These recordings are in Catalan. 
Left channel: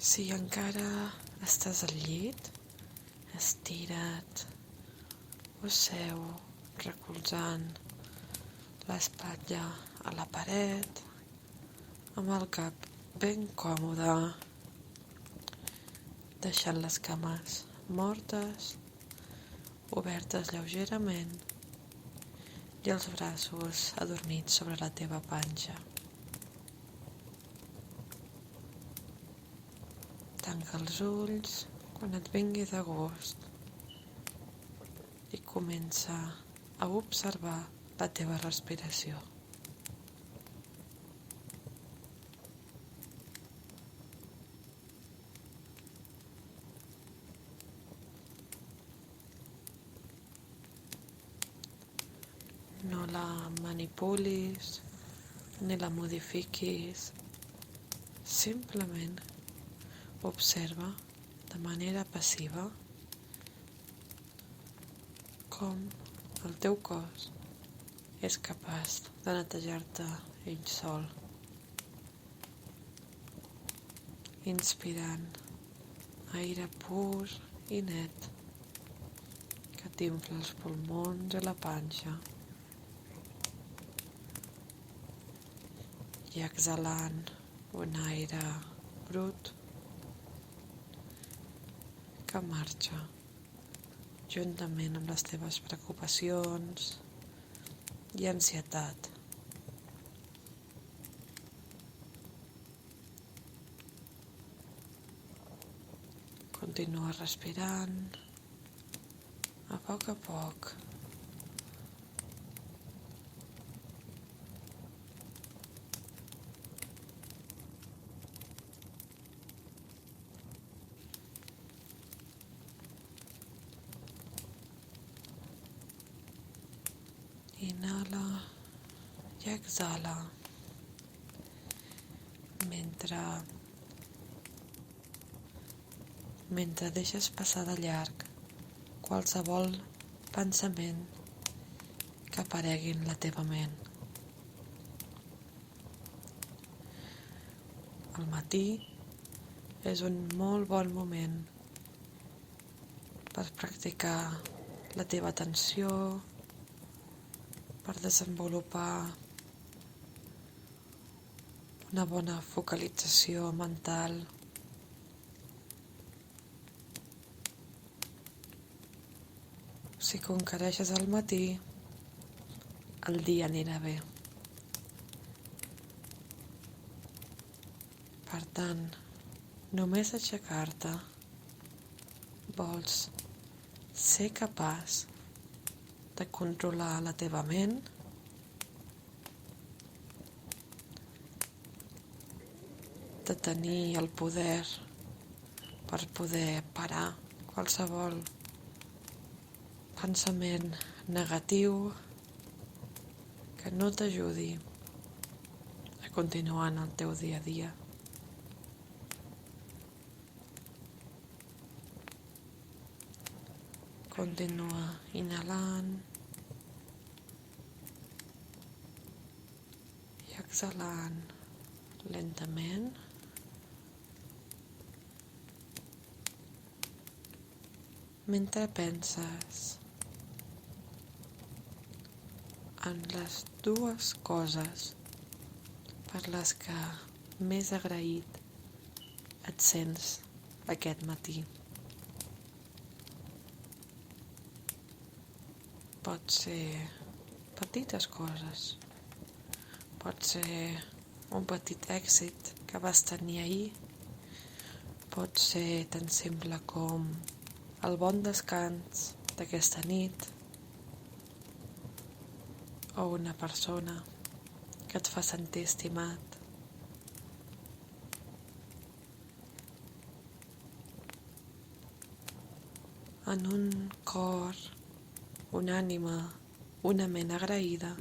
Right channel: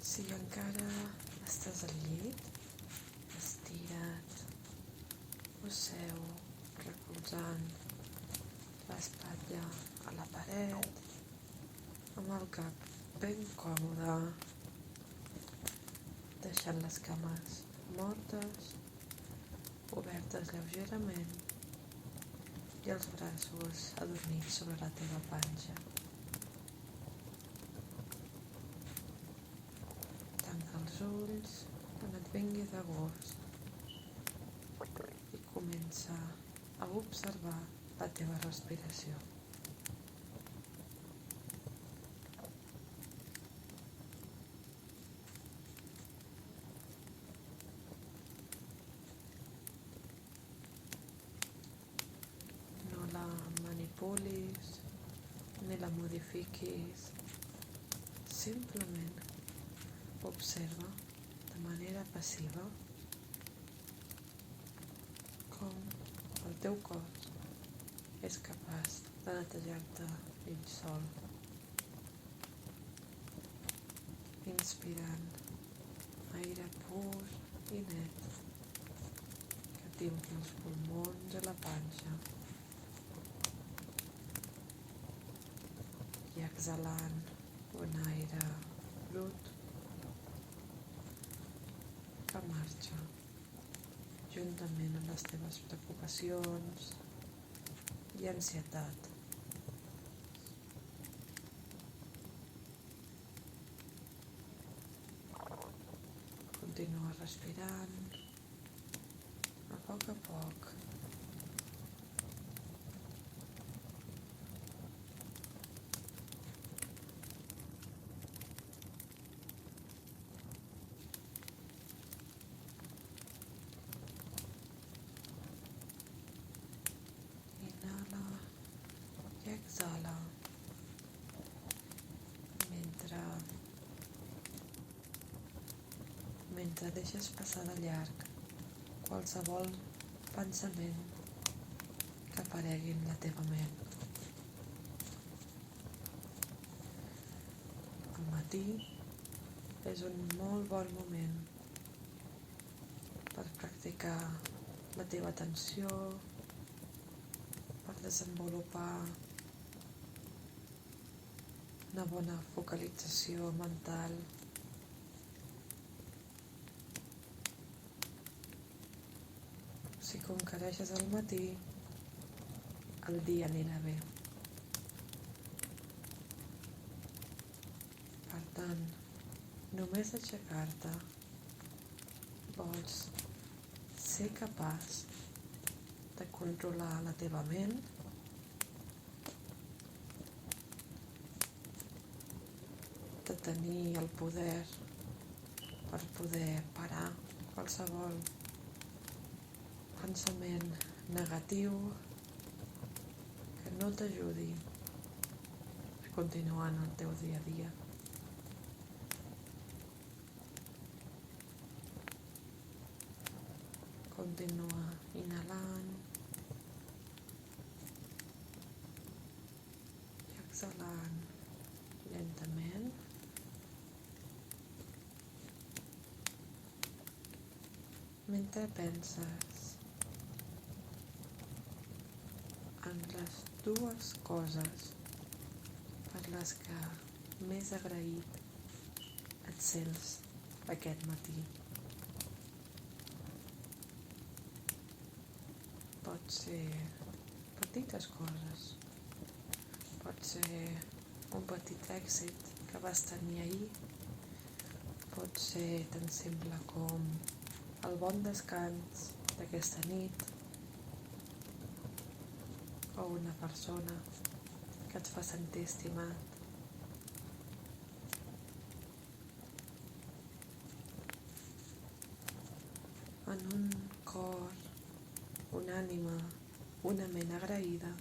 Si encara estàs al llit, estira't o seu recolzant l'espatlla a la paret, amb el cap ben còmode, deixant les cames mortes, obertes lleugerament i els braços adormits sobre la teva panxa. Tanca els ulls quan et vingui de gust i comença a observar la teva respiració. No la manipulis ni la modifiquis, simplement observa de manera passiva com el teu cos és capaç de netejar-te ell sol, inspirant aire pur i net que t'infla els pulmons i la panxa i exhalant un aire brut que marxa juntament amb les teves preocupacions i ansietat. Continua respirant a poc. Inhala i exhala mentre deixes passar de llarg qualsevol pensament que aparegui en la teva ment. El matí és un molt bon moment per practicar la teva atenció, per desenvolupar una bona focalització mental. Si conquereixes al matí, el dia anirà bé. Per tant, només aixecar-te vols ser capaç de controlar la teva ment, de tenir el poder per poder parar qualsevol pensament negatiu que no t'ajudi a continuar en el teu dia a dia. Continua inhalant i exhalant lentament. Mentre penses en les dues coses per les que més agraït et sents aquest matí. Pot ser petites coses, pot ser un petit èxit que vas tenir ahir, pot ser tan simple com el bon descans d'aquesta nit o una persona que et fa sentir estimat. En un cor, una ànima, una ment agraïda,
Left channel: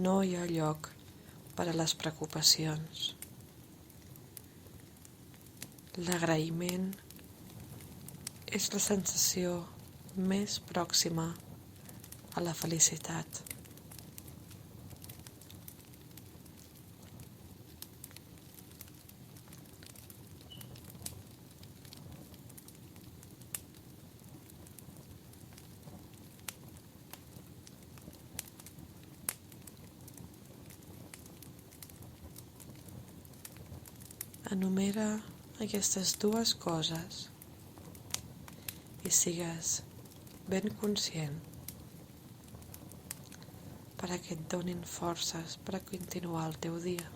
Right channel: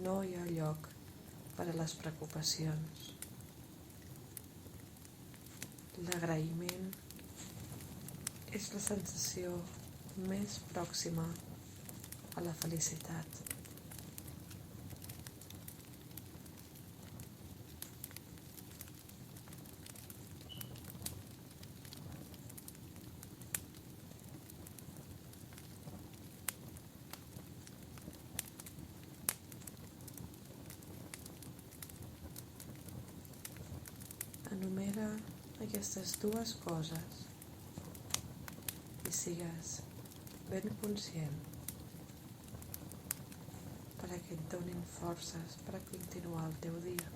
no hi ha lloc per a les preocupacions. L'agraïment és la sensació més pròxima a la felicitat. Enumera aquestes dues coses i sigues ben conscient perquè et donin forces per a continuar el teu dia.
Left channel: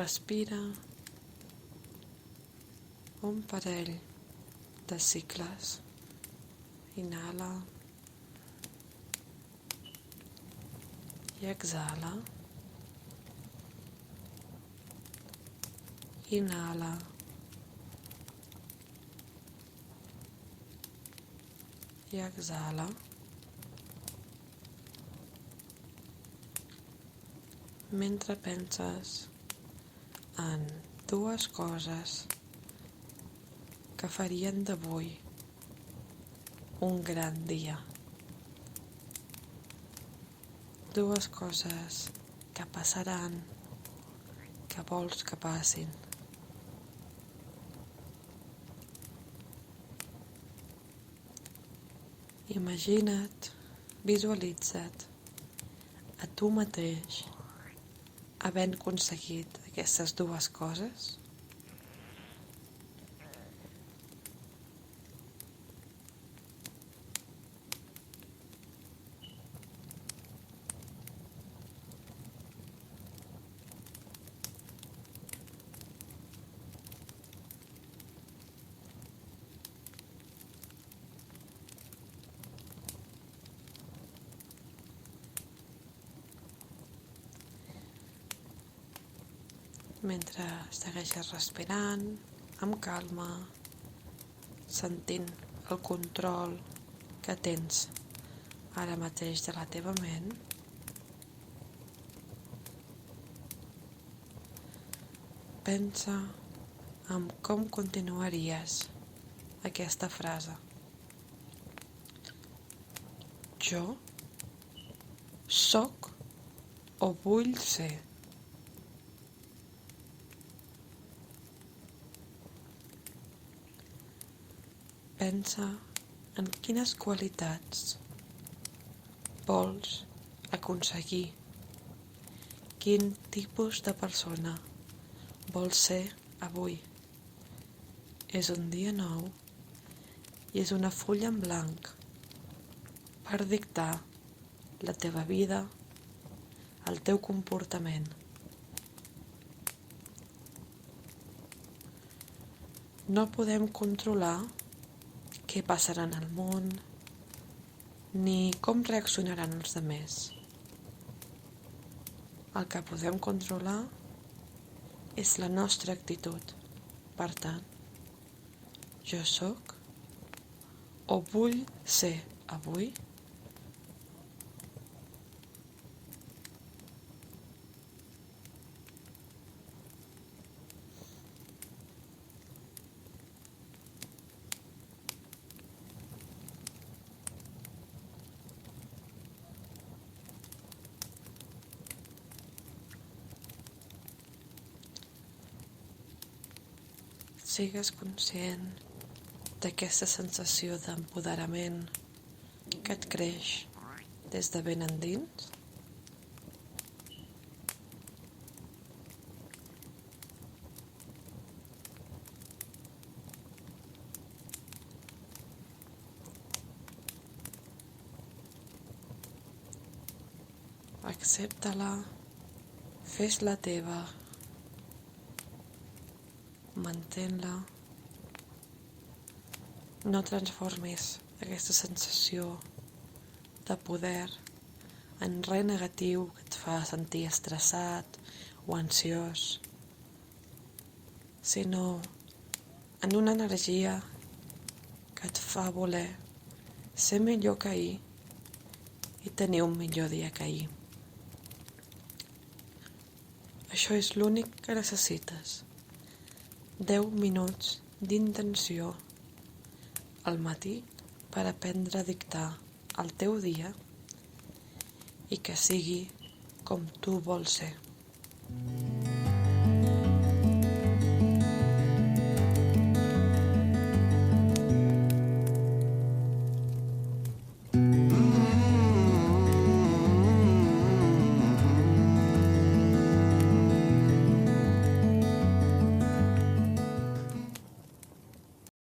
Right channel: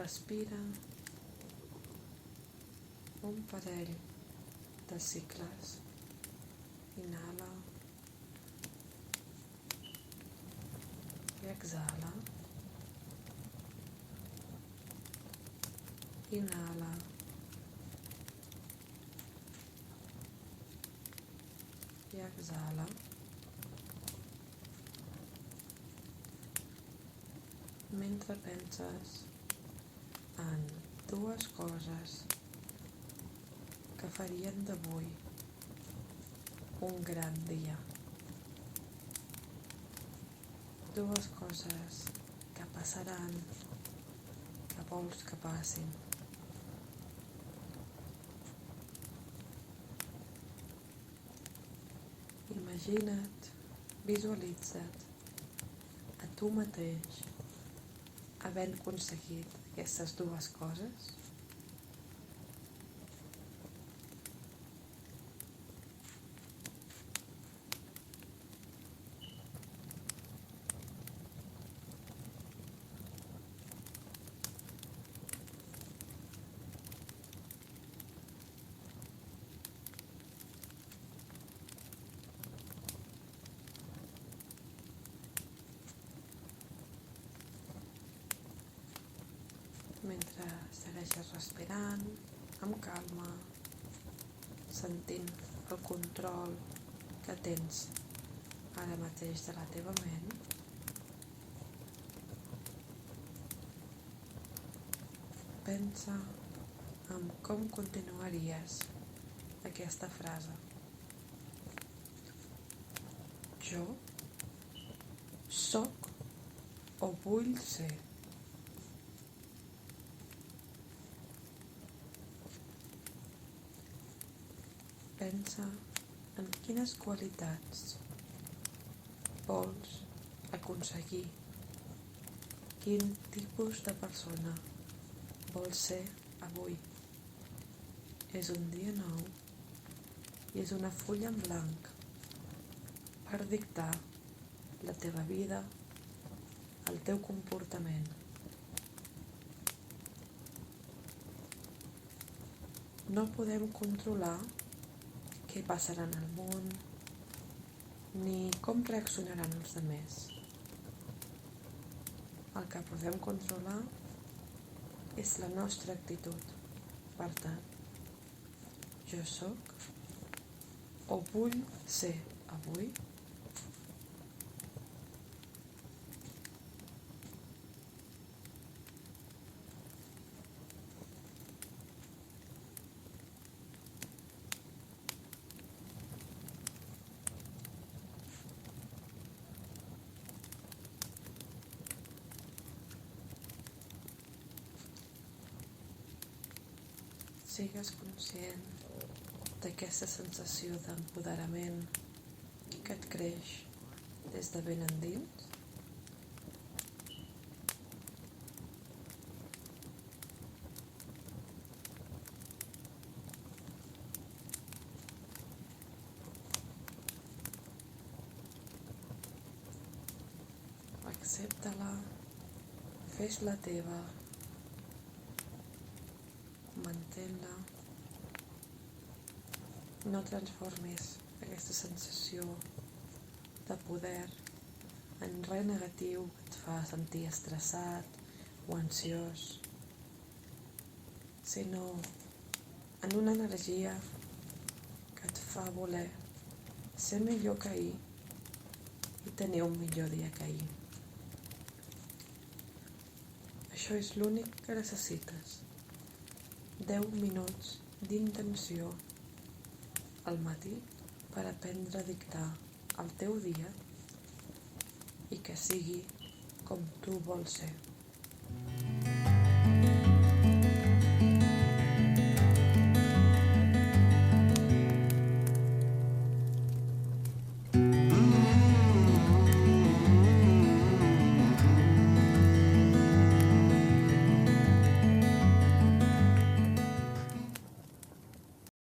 Respira un parell de cicles. Inhala i exhala. Inhala i exhala. Mentre penses en dues coses que farien d'avui un gran dia. Dues coses que passaran, que vols que passin. Imagina't, visualitza't a tu mateix havent aconseguit aquestes dues coses. Mentre segueixes respirant amb calma, sentint el control que tens ara mateix de la teva ment, pensa en com continuaries aquesta frase. Jo sóc o vull ser. Pensa en quines qualitats vols aconseguir, quin tipus de persona vols ser avui. És un dia nou i és una fulla en blanc per dictar la teva vida, el teu comportament. No podem controlar què passarà en el món, ni com reaccionaran els altres. El que podem controlar és la nostra actitud. Per tant, jo sóc o vull ser avui. Sigues conscient d'aquesta sensació d'empoderament que et creix des de ben endins. Accepta-la, fes-la teva, mantén-la. No transformis aquesta sensació de poder en res negatiu que et fa sentir estressat o ansiós, sinó en una energia que et fa voler ser millor que ahir i tenir un millor dia que ahir. Això és l'únic que necessites. 10 minuts d'intenció al matí per aprendre a dictar el teu dia i que sigui com tu vols ser.